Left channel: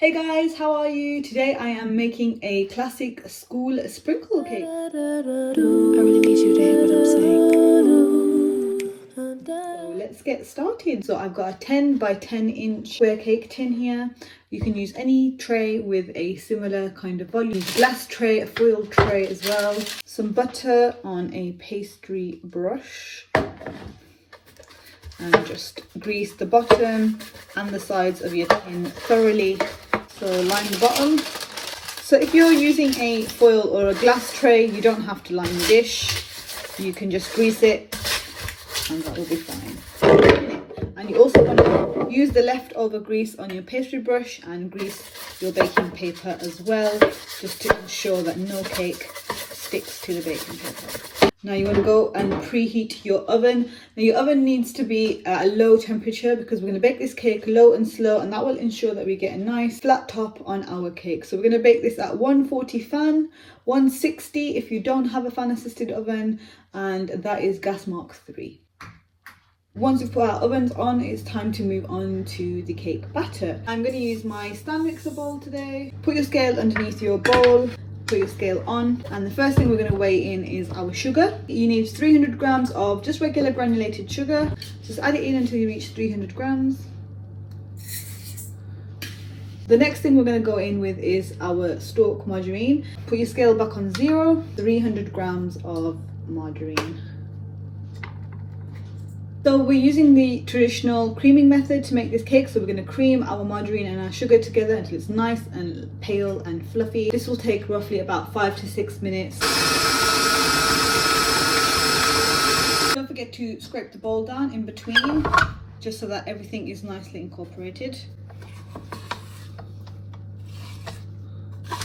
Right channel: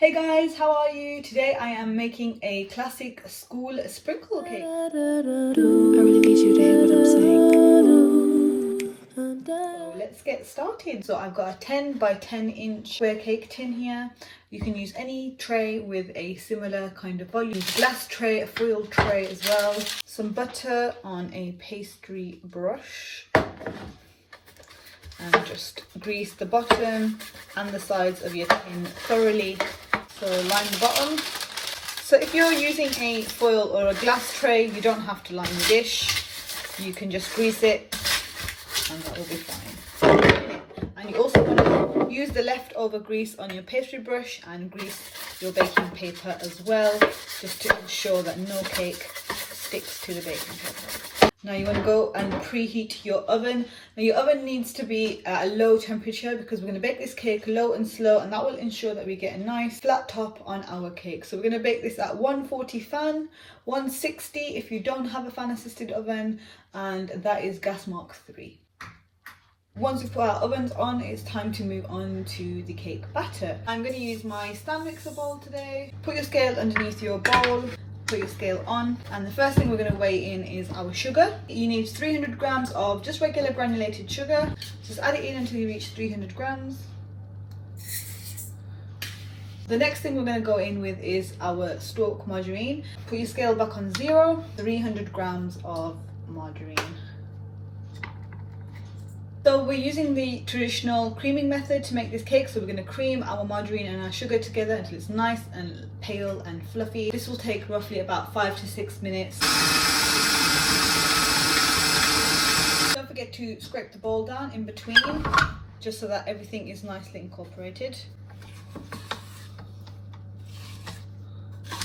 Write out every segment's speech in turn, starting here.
Hey guys, how are you? Today I am making a classic school sprinkle cake. I really need you to hear what I'm saying. So let's get started. So I've got a 10 by 10 inch square cake tin here. You can use any tray with a similar kind of volume. A glass tray, a foil tray as well. Some butter on a pastry brush. And just grease the bottom and the sides of your tin thoroughly. So line the bottom. So if you're using a foil or a glass tray, you don't have to line the dish. You can just grease it and that will be fine. And you also want to use the leftover grease on your pastry brush and grease your baking paper as well, just to ensure that no cake sticks to the baking paper. Now you want to go and preheat your oven. Now your oven needs to be at a low temperature because we're going to bake this cake low and slow, and that will ensure that we get a nice flat top on our cake. So we're going to bake this at 140 fan, 160 if you don't have a fan assisted oven, and that is gas mark 3. Once we've put our ovens on, it's time to move on to the cake batter. I'm going to use my stand mixer bowl today. Put your scale underneath your bowl. Put your scale on, and the first thing we're going to weigh in is our sugar. You need 300 grams of just regular granulated sugar. Just add it in until you reach 300 grams. The next thing we're going to go in with is our stalk margarine. Put your scale back on 0. 300 grams of margarine. So we're using the traditional creaming method to make this cake. So we're going to cream our margarine and our sugar together until it's nice and pale and fluffy. This will take roughly about 5 to 6 minutes. Don't forget to scrape the bowl down in between, just so that everything is nicely incorporated.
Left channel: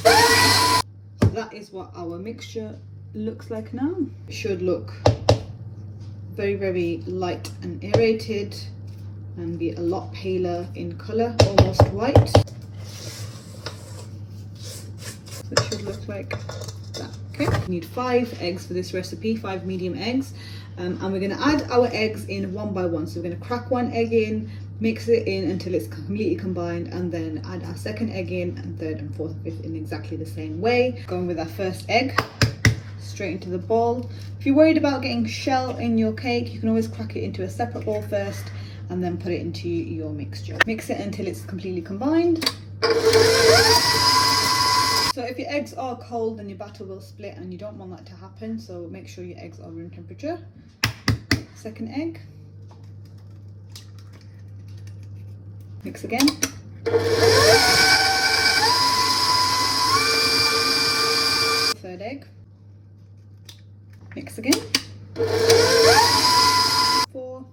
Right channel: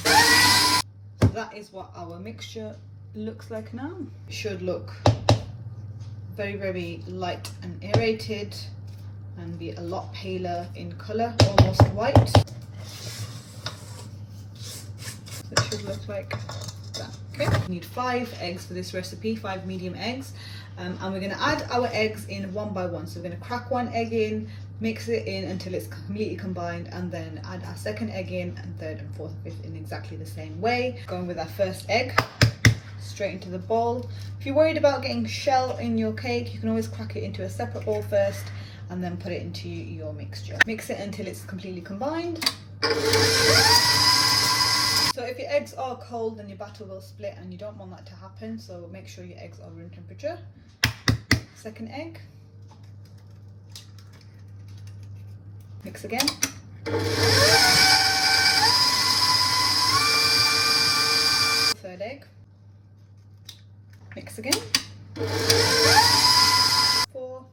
So that is what our mixture looks like now. It should look very light and aerated and be a lot paler in colour, almost white. So it should look like that. Okay, we need 5 eggs for this recipe, 5 medium eggs, and we're going to add our eggs in one by one. So we're going to crack one egg in, mix it in until it's completely combined, and then add our second egg in, and third and fourth, fifth in exactly the same way. Going with our first egg straight into the bowl. If you're worried about getting shell in your cake, you can always crack it into a separate bowl first and then put it into your mixture. Mix it until it's completely combined. So if your eggs are cold, then your batter will split, and you don't want that to happen, so make sure your eggs are room temperature. Second egg. Mix again. Third egg. Mix again. 4.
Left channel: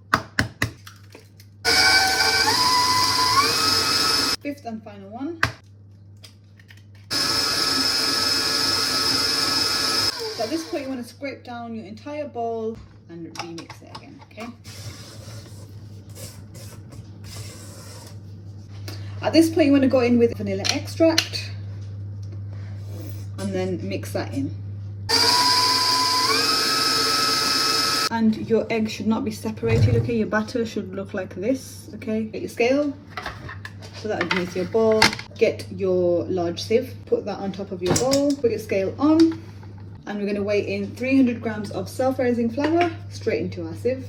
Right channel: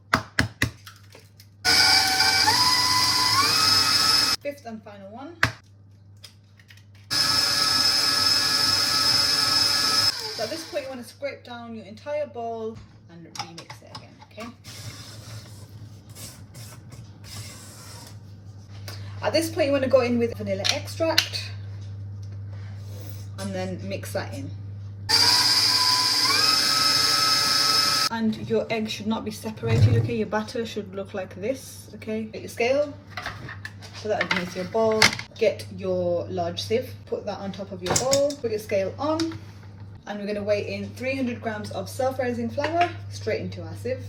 Fifth and final one. So at this point you want to scrape down your entire bowl and remix it again, okay? At this point you want to go in with vanilla extract and then mix that in. And your egg should not be separated, okay? Your batter should look like this, okay? Get your scale, put that underneath your bowl. Get your large sieve, put that on top of your bowl. Put your scale on, and we're going to weigh in 300 grams of self-raising flour straight into our sieve.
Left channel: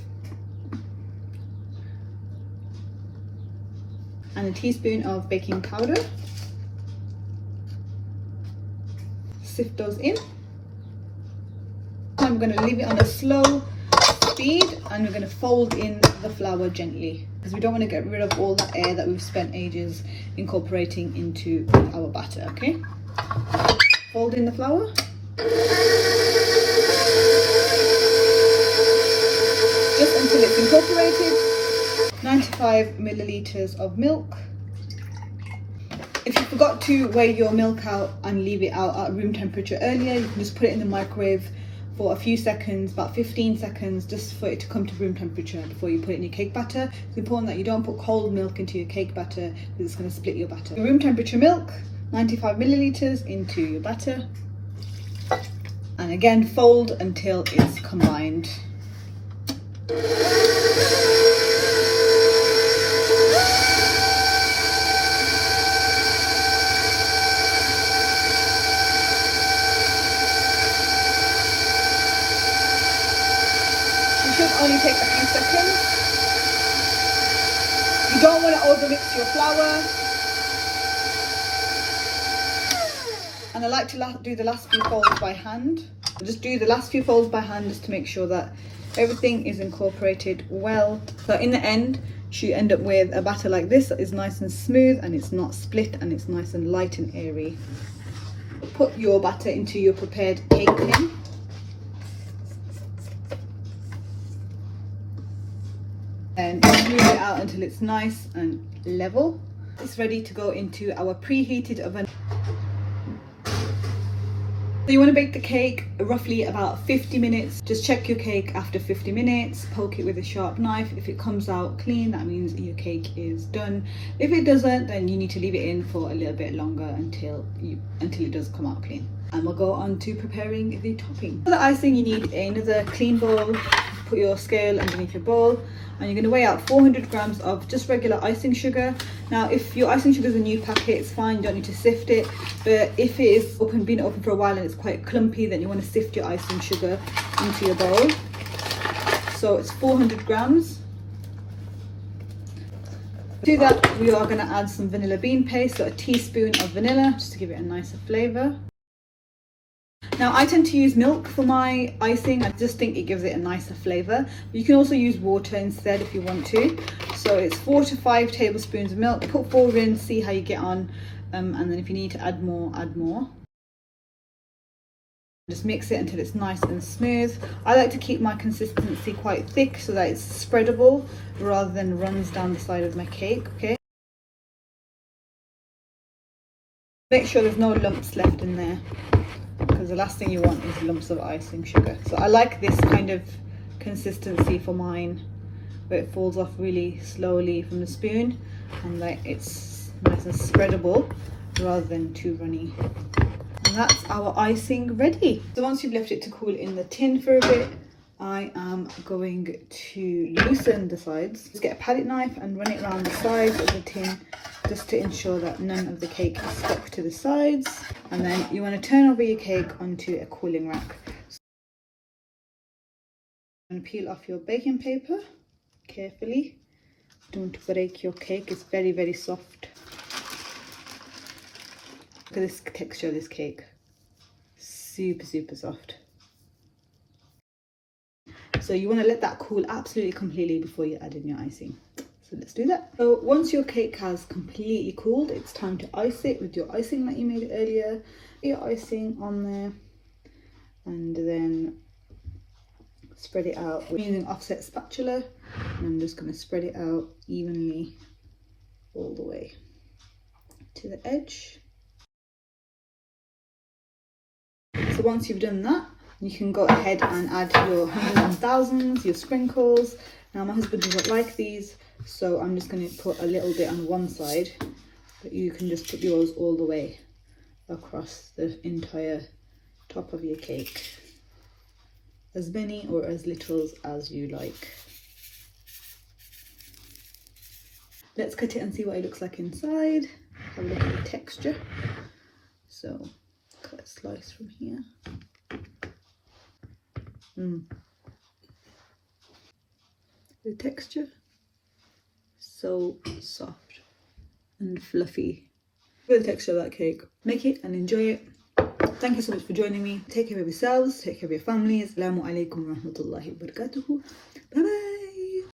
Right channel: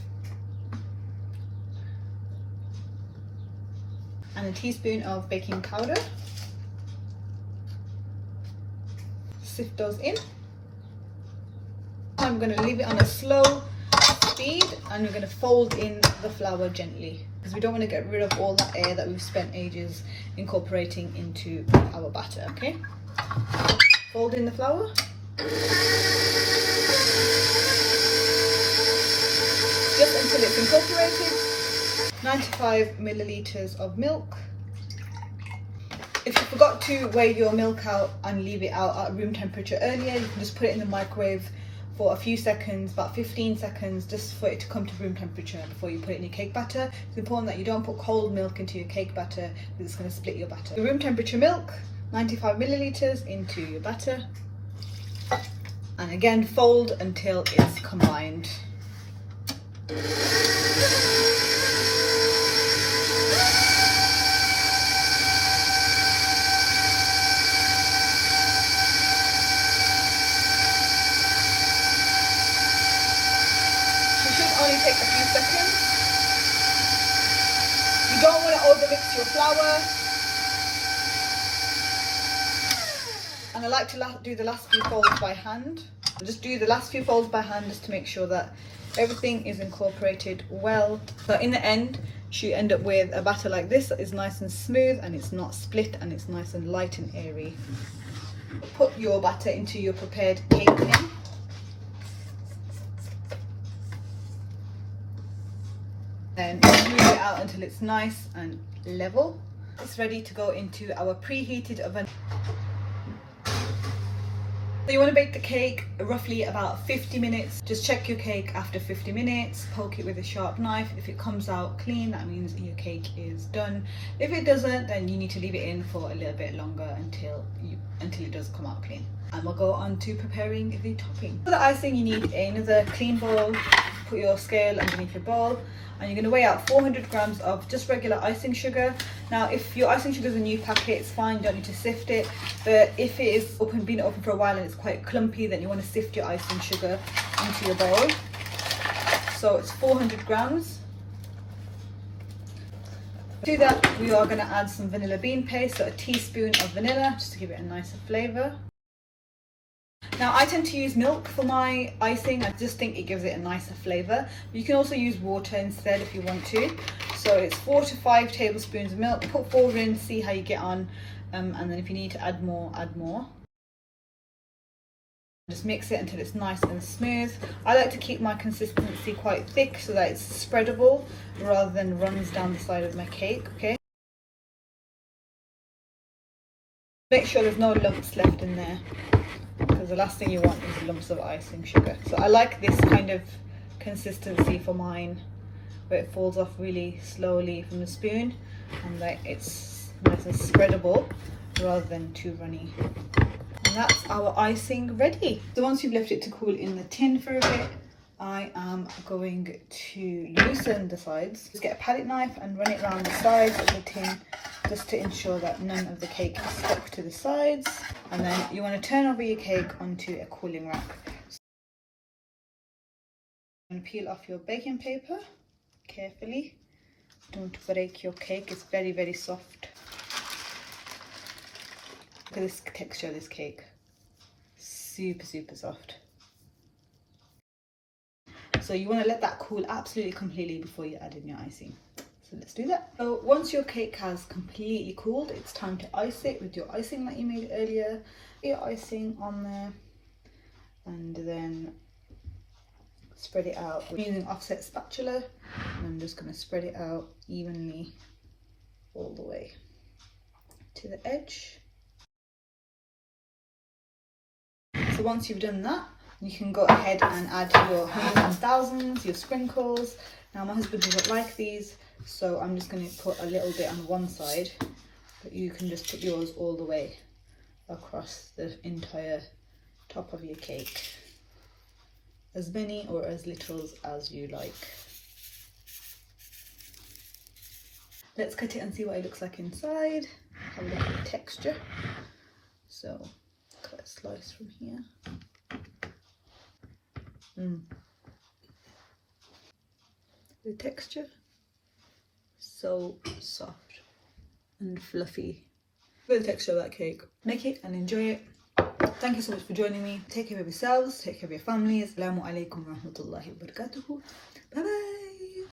And a teaspoon of baking powder. Sift those in. I'm going to leave it on a slow speed, and we're going to fold in the flour gently because we don't want to get rid of all that air that we've spent ages incorporating into our batter, okay? Fold in the flour. Just until it's incorporated. 95 milliliters of milk. If you forgot to weigh your milk out and leave it out at room temperature earlier, you can just put it in the microwave for a few seconds, about 15 seconds, just for it to come to room temperature before you put it in your cake batter. It's important that you don't put cold milk into your cake batter because it's going to split your batter. Your room temperature milk, 95 milliliters into your batter. And again, fold until it's combined. should only take a few seconds. You don't want to overmix your flour. And I like to do the last few folds by hand. Just do the last few folds by hand just to make sure that everything is incorporated well. So in the end, you end up with a batter like this that is nice and smooth and it's not split and it's nice and light and airy. Put your batter into your prepared cake tin. And smooth it out until it's nice and level. It's ready to go into our preheated oven. So you want to bake the cake roughly about 50 minutes. Just check your cake after 50 minutes, poke it with a sharp knife. If it comes out clean, that means your cake is done. If it doesn't, then you need to leave it in for a little bit longer until it does come out clean. And we'll go on to preparing the topping. For the icing, you need another clean bowl. Put your scale underneath your bowl. And you're going to weigh out 400 grams of just regular icing sugar. Now, if your icing sugar is a new packet, it's fine, you don't need to sift it. But if it is been open for a while and it's quite clumpy, then you want to sift your icing sugar into your bowl. So it's 400 grams. To do that, we are going to add some vanilla bean paste, so a teaspoon of vanilla, just to give it a nicer flavour. Now, I tend to use milk for my icing. I just think it gives it a nicer flavour. But you can also use water instead if you want to. So it's 4 to 5 tablespoons of milk. Put 4 in, see how you get on. And then if you need to add more, add more. Just mix it until it's nice and smooth. I like to keep my consistency quite thick so that it's spreadable rather than runs down the side of my cake, okay? Make sure there's no lumps left in there, because the last thing you want is lumps of icing sugar. So I like this kind of consistency for mine, where it falls off really slowly from the spoon and like it's nice and spreadable rather than too runny. And that's our icing ready. So once you've left it to cool in the tin for a bit, I am going to loosen the sides. Just get a palette knife and run it around the sides of the tin just to ensure that none of the cake is stuck to the sides. And then you want to turn over your cake onto a cooling rack. And peel off your baking paper carefully. Don't break your cake, it's very, very soft. Look at this texture of this cake. Super, super soft. So you want to let that cool absolutely completely before you add in your icing. So let's do that. So once your cake has completely cooled, it's time to ice it with your icing that you made earlier. Get your icing on there and then spread it out. I'm using offset spatula and I'm just going to spread it out evenly all the way to the edge. So once you've done that, you can go ahead and add your hundreds and thousands, your sprinkles. Now my husband doesn't like these, so I'm just going to put a little bit on one side, but you can just put yours all the way across the entire top of your cake. As many or as little as you like. Let's cut it and see what it looks like inside. Have a look at the texture. So cut a slice from here. The texture, so soft and fluffy. Look at the texture of that cake. Make it and enjoy it. Thank you so much for joining me. Take care of yourselves, take care of your families. Assalamu alaikum wa rahmatullahi wa barakatuhu. Bye bye.